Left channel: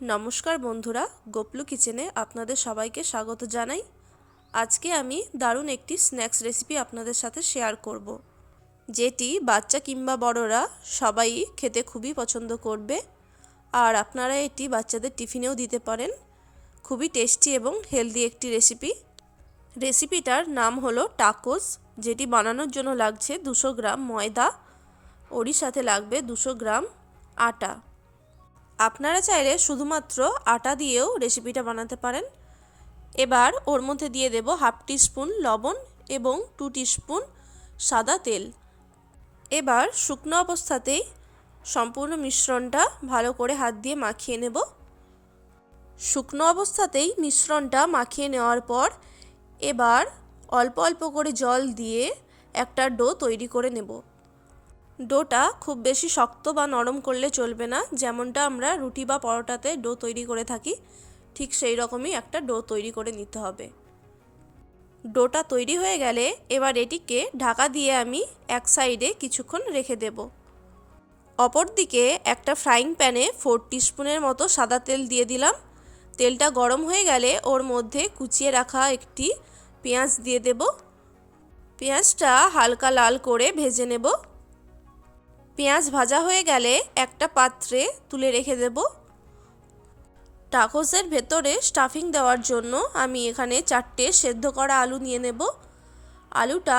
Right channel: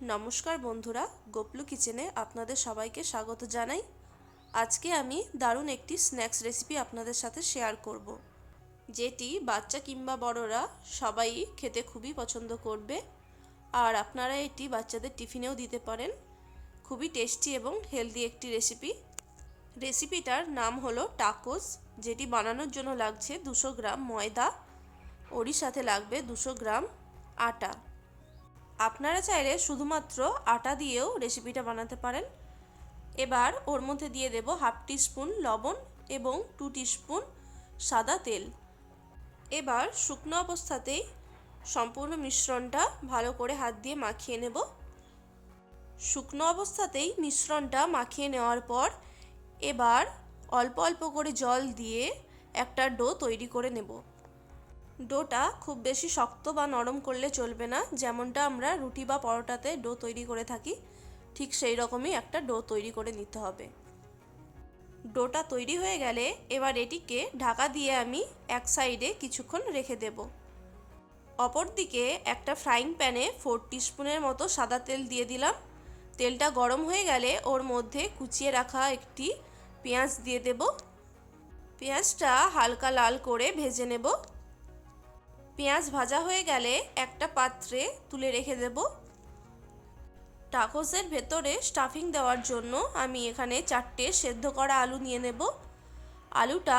নমস্কার বন্ধুরা, গোপলু কিচেনে আপনাদের সবাইকে স্বাগত জানাই। আজকে আমি দারুণ একটি স্ন্যাক্স রেসিপি আপনাদের সাথে শেয়ার করব, যেটি বাচ্চা কিংবা বড়রা সবাই খেতে খুবই পছন্দ করবে। আর আপনারা এটি বাচ্চাদের টিফিনেও দিতে পারেন। খুবই টেস্টি এবং হেলদি একটি রেসিপিটার নাম হলো টাকোস, যেটি বানানোর জন্য লাগছে 200 গ্রাম ময়দা, ওরই সাথে লাগবে 200 গ্রাম আটা। আপনারা চাইলে শুধুমাত্র আটা দিয়েও রেসিপিটা বানাতে পারেন। এবার ওর মধ্যে দিয়ে দেব হাফ টিস্পুন লবণ এবং 2 টিস্পুন সাদা তেল। এবার শুকনো অবস্থাতেই সম্পূর্ণ মিশ্রণটা ভালো করে হাত দিয়ে মাখিয়ে নেব। শুকনো অবস্থাতেই মিশ্রণটা মাখিয়ে নেওয়ার পর এবার অল্প অল্প করে জল দিয়ে একটা ডো তৈরি করে নেব। ডোটা খুব বেশি শক্ত বা নরম করলে চলবে না, যেমনটা আমরা রুটি বা পরোটাতে ডো তৈরি করে থাকি, ঠিক সেই রকমই একটা ডো তৈরি করে নিতে হবে। ডোটা তৈরি হয়ে গেলে এবার এটিকে ঢাকা দিয়ে আমি এক সাইডে কিছুক্ষণ রেখে দেব। অপরদিকে একটা ফ্রাইং প্যানে 4 টিস্পুনের মতো সাদা তেল দিয়ে দিলাম। তেলটা গরম হয়ে গেলে ওর মধ্যে কুচিয়ে রাখা একটি পেঁয়াজ দিয়ে দেব। পেঁয়াজটা হালকা লাল করে ভেজে নেব। পেঁয়াজ ভাজা হয়ে গেলে একটা পাত্রে তুলে রেখে দেব। টাকোসের ভেতরে স্টাফিং দেওয়ার জন্য আমি এখানে 4টে সেদ্ধ করা আলু নিয়ে নেব। আলুটা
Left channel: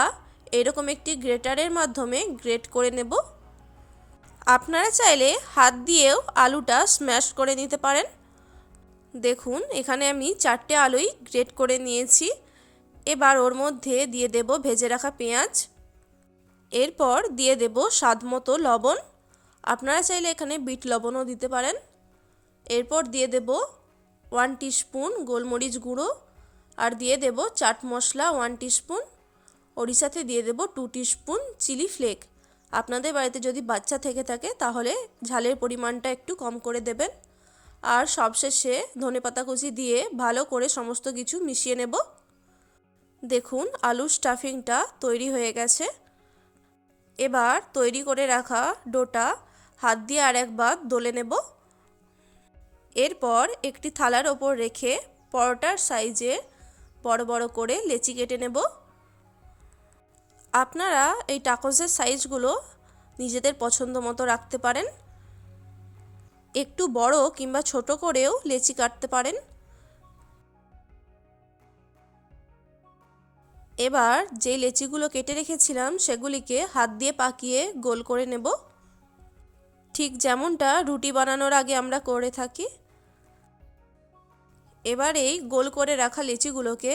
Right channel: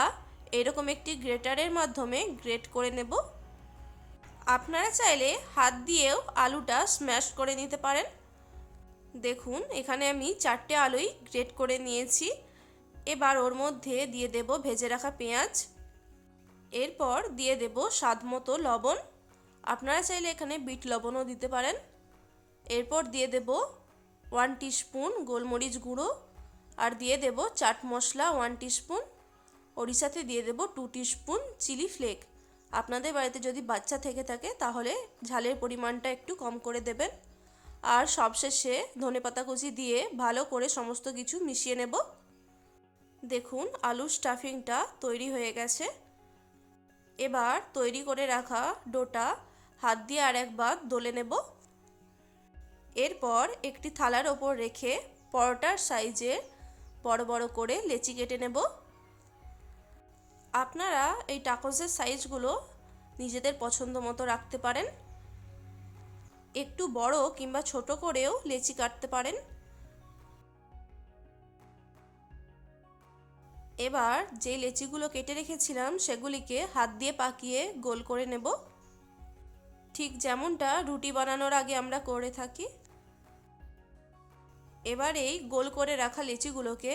এরকম একটি গ্রেটারের মাধ্যমে গ্রেট করে নেব। আপনারা চাইলে হাত দিয়েও আলুটা স্ম্যাশ করে নিতে পারেন। দেখুন, এখানে আমি 4টে আলুই গ্রেট করে নিয়েছি। এবার ওর মধ্যে দিয়ে দেব ভেজে রাখা পেঁয়াজ। এরপর দিয়ে দেব স্বাদমতো লবণ। আপনারা চাইলে এখানে বিট লবণও দিতে পারেন। এরপর দিয়ে দেব 1 টিস্পুন গোলমরিচ গুঁড়ো, আর দিয়ে দেব চাট মশলা 1 টিস্পুন, ওর সাথে দিয়ে দেব 2 টিস্পুন চিলি ফ্লেক। আপনাদের বাড়িতে যদি বাচ্চা থেকে থাকে তাহলে ঝালের পরিমাণটা একটু কম করে দেবেন। আর সবশেষে ধনেপাতা কুচি দিয়ে ভালো করে সমস্ত কিছু মিশিয়ে নেব। দেখুন, আলুর স্টাফিংটা তৈরি হয়ে গেছে। এবার তৈরি করে রাখা ডোটা হাত দিয়ে আরেকবার দলে নেব। এরপর একটি থালার ওপর রেখে পরোটার সাইজে বড় বড় করে লেচি কেটে নেব। আপনারা এই টাকোসের সাইজগুলো নিজেদের পছন্দ মতো রাখতে পারেন। একটু বড় কিংবা ছোট করেও লেচি কাটতে পারেন। এবার যে লেচিগুলো কেটে রেখেছিলাম সেগুলিকে হাত দিয়ে পাকিয়ে গোল করে নেব, ঠিক যেমনটা রুটি বানানোর আগে আমরা করে থাকি। এবার এই গোল করে রাখা লেচিগুলোকে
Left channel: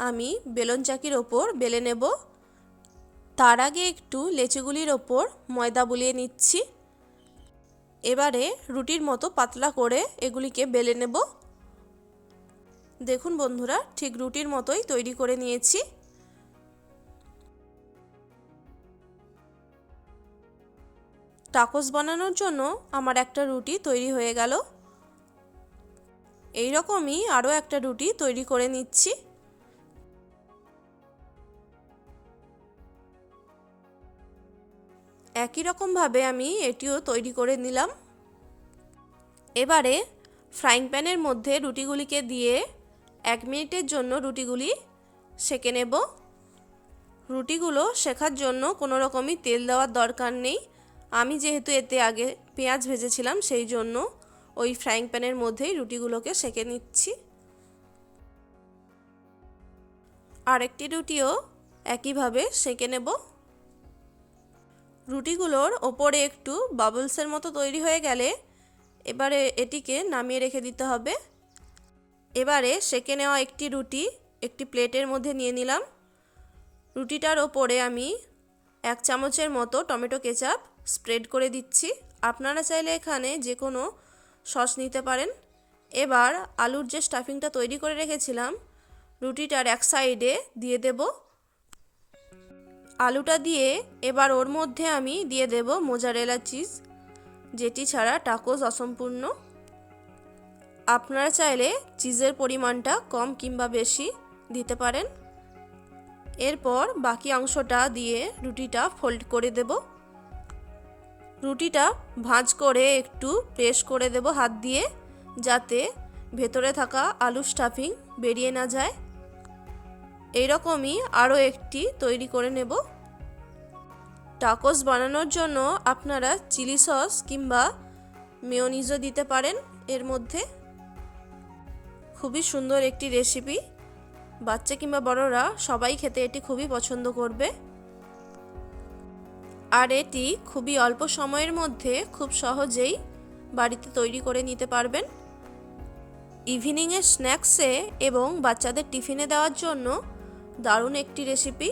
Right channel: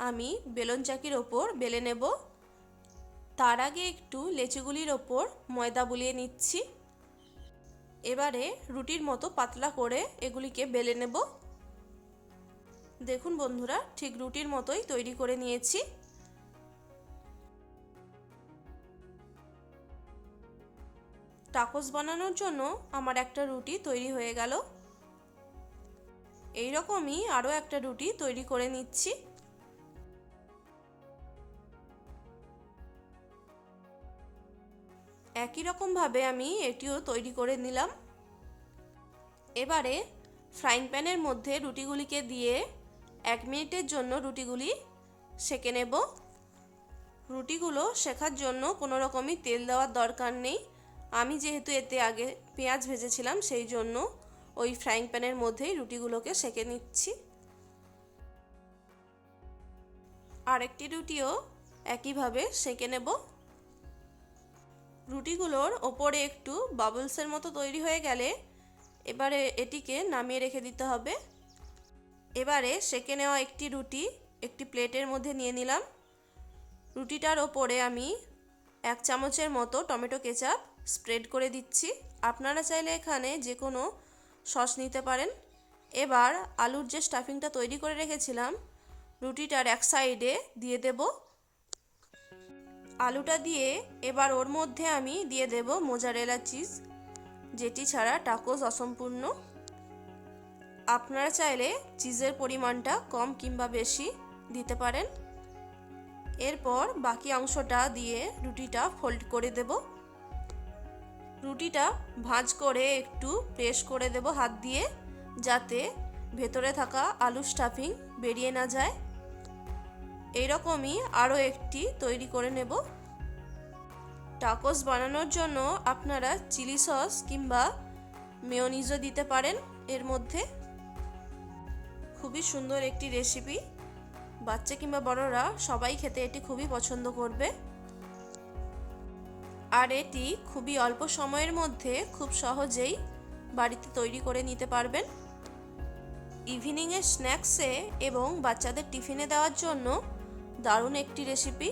আমি বেলন চাকির ওপর বেলে নেব। তার আগে একটু লেচিগুলির ওপর ময়দা বুলিয়ে নিচ্ছি। এবারে রুটির মতো পাতলা করে এগুলিকে বেলে নেব। দেখুন বন্ধুরা, ঠিক রুটির মতোই তৈরি করে নিয়েছি। টাকোস বানানোর জন্য আমার একটা রুটি তৈরি হয়ে গেল। এই রকমই আরও একটা রুটি তৈরি করে নিচ্ছি। একই রকমভাবে আমি এটিও তৈরি করে নিলাম। এবারে ফ্রাইং প্যানের মধ্যে রুটিগুলিকে দিয়ে 1 মিনিটের জন্য রুটিগুলি সেঁকে নেব। রুটিগুলো শেখার জন্য কোনো রকমই তেল দেওয়ার দরকার নেই। আমি যেহেতু এতে আগে পেঁয়াজ ভেজেছিলাম, সেই জন্য ওই ফ্রাইং প্যানের মধ্যেই রুটিগুলোকে সেঁকে নিচ্ছি। আরেকটি রুটিও একইভাবে সেঁকে নেব। রুটিগুলোর ওপরে একটু বাবলসের মতো তৈরি হয়ে গেলে এবারে এটিকে নামিয়ে রেখে দিতে হবে। এবারে সেঁকে নেওয়া একটি রুটি একটি প্লেটের মধ্যে নিয়ে নিলাম। রুটিটার ওপরে আমি 1 চামচের মতো টমেটো কেচাপ স্প্রেড করে দিচ্ছি। আপনারা চাইলে এখানে যে কোনো সস নিতে পারেন। এবার আলুর যে স্টাফিংটা তৈরি করে রেখেছিলাম রুটিটার এক সাইডে দিয়ে দেব। আলুটা দিয়ে এবার ওর মধ্যে আমি দিয়ে দেব মোজারেলা চিজ, যেটি ছাড়া টাকোস অসম্পূর্ণ। আপনারা চাইলে চিজের পরিমাণটা কম কিংবা বেশি দিতে পারেন। এরপর বাকি অংশটা দিয়ে রুটিটা ফোল্ড করে দেব। রুটিটা ভাঁজ করে একটু প্রেস করে দেব হাত দিয়ে, যাতে ভেতরে থাকা আলু স্টাফিং বেরিয়ে না যায়। এইরকমই আরও একটি তৈরি করে নেব। টাকোস বানানোর জন্য আপনারা চিলি সস কিংবা মেয়োনিজও দিতে পারেন এর মধ্যে। খুবই সুন্দর একটি রেসিপি, বাচ্চা কিংবা বড়রা সবাই খেতে এটি খুবই পছন্দ করবে। আর এটি খুবই অল্প সময়ের মধ্যে খুব সহজেই বাড়িতে তৈরি করে নিতে পারবেন। ইভিনিংয়ের স্ন্যাক্সে এবং বাচ্চাদের টিফিনে দেওয়ার জন্য দারুণ একটি রেসিপি।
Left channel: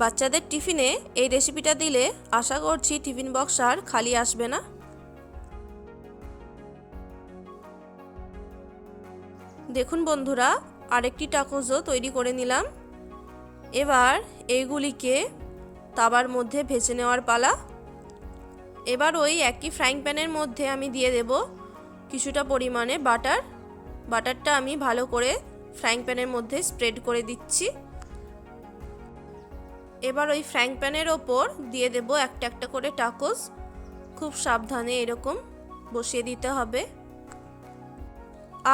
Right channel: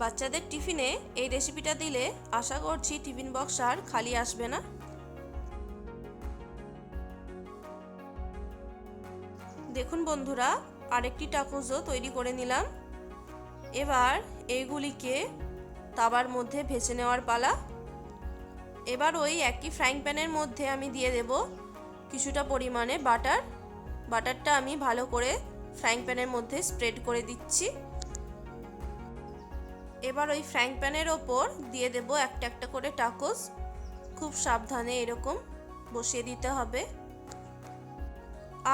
বাচ্চাদের টিফিনে এই রেসিপিটা দিলে আশা করছি টিফিন বক্স আর খালি আসবে না। দেখুন বন্ধুরা, আরেকটি টাকোসও তৈরি করে নিলাম। এবার এইগুলিকে তাওয়ার মধ্যে ভেজে নেওয়ার পালা। এবার ওই একই ফ্রাইং প্যানের মধ্যে আমি দিয়ে দেব কিছুটা পরিমাণে বাটার। বাটারটা আমি ভালো করে ফ্রাইং প্যানের মধ্যে স্প্রেড করে দিচ্ছি। এবার ওই ফ্রাইং প্যানের ওপর দিয়ে দেব একটা একটা করে টাকোস। খুব সাবধানে এরকম বসিয়ে দিতে হবে।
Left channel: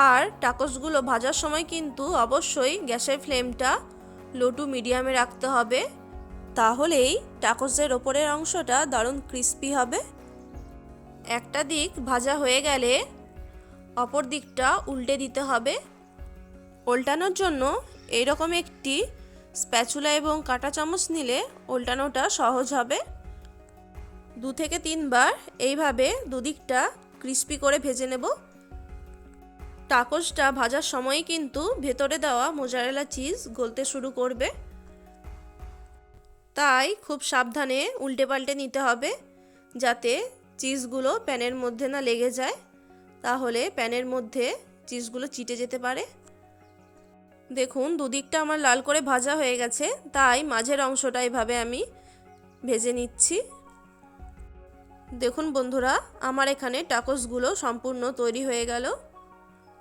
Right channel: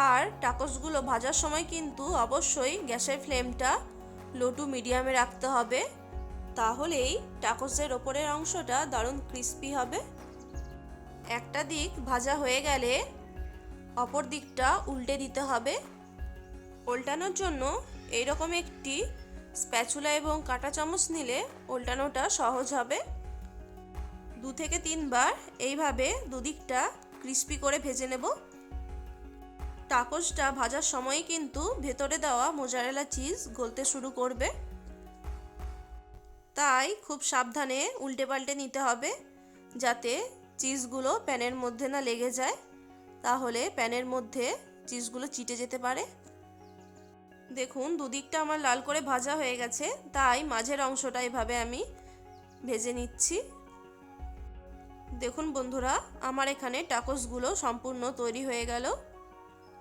আর টাকোসগুলো ভাজার সময় কিন্তু অবশ্যই গ্যাসের ফ্লেমটা লো টু মিডিয়ামে রাখতে হবে, তাহলেই টাকোসের ওপরের অংশটা দারুণ ক্রিস্পি হবে। একটা দিক ভাজা হয়ে গেলে অপর দিকটা উল্টে দিতে হবে। উল্টানোর জন্য এইরকম একটি স্প্যাচুলা এবং কাঁটা চামচ নিলে উল্টানোটা সহজ হবে। 2 থেকে 3 বার এইভাবে দুদিকটা ক্রিস্পি করে ভেজে নেব। টাকোসটা ভাজার সময় কিন্তু ভেতরে দেওয়া মোজারেলা চিজ গলতে শুরু করবে, তাই খুব সাবধানে উল্টে পাল্টে নিতে হবে যাতে চিজগুলো প্যানের মধ্যে না লেগে যায়, তাহলে প্যানের মধ্যে চিজগুলো চিটে যেতে পারে। দেখুন দুদিকটা আমার লাল করে ভাজা হয়ে গেছে, তাই মাঝের অংশটা এভাবে আমি ভেজে নিচ্ছি। দেখুন বন্ধুরা, আমার এখানে টাকোসগুলো সম্পূর্ণ তৈরি হয়ে গেল।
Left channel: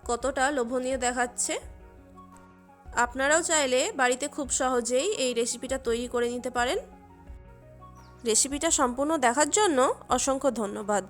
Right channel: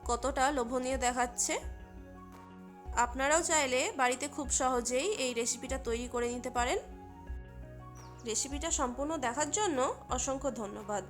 কতটা লোভনীয় দেখাচ্ছে। আপনারাও চাইলে বাড়িতে খুব সহজেই এই রেসিপিটা তৈরি করে নিতে পারেন। রেসিপিটা সম্পূর্ণ দেখার জন্য অসংখ্য ধন্যবাদ।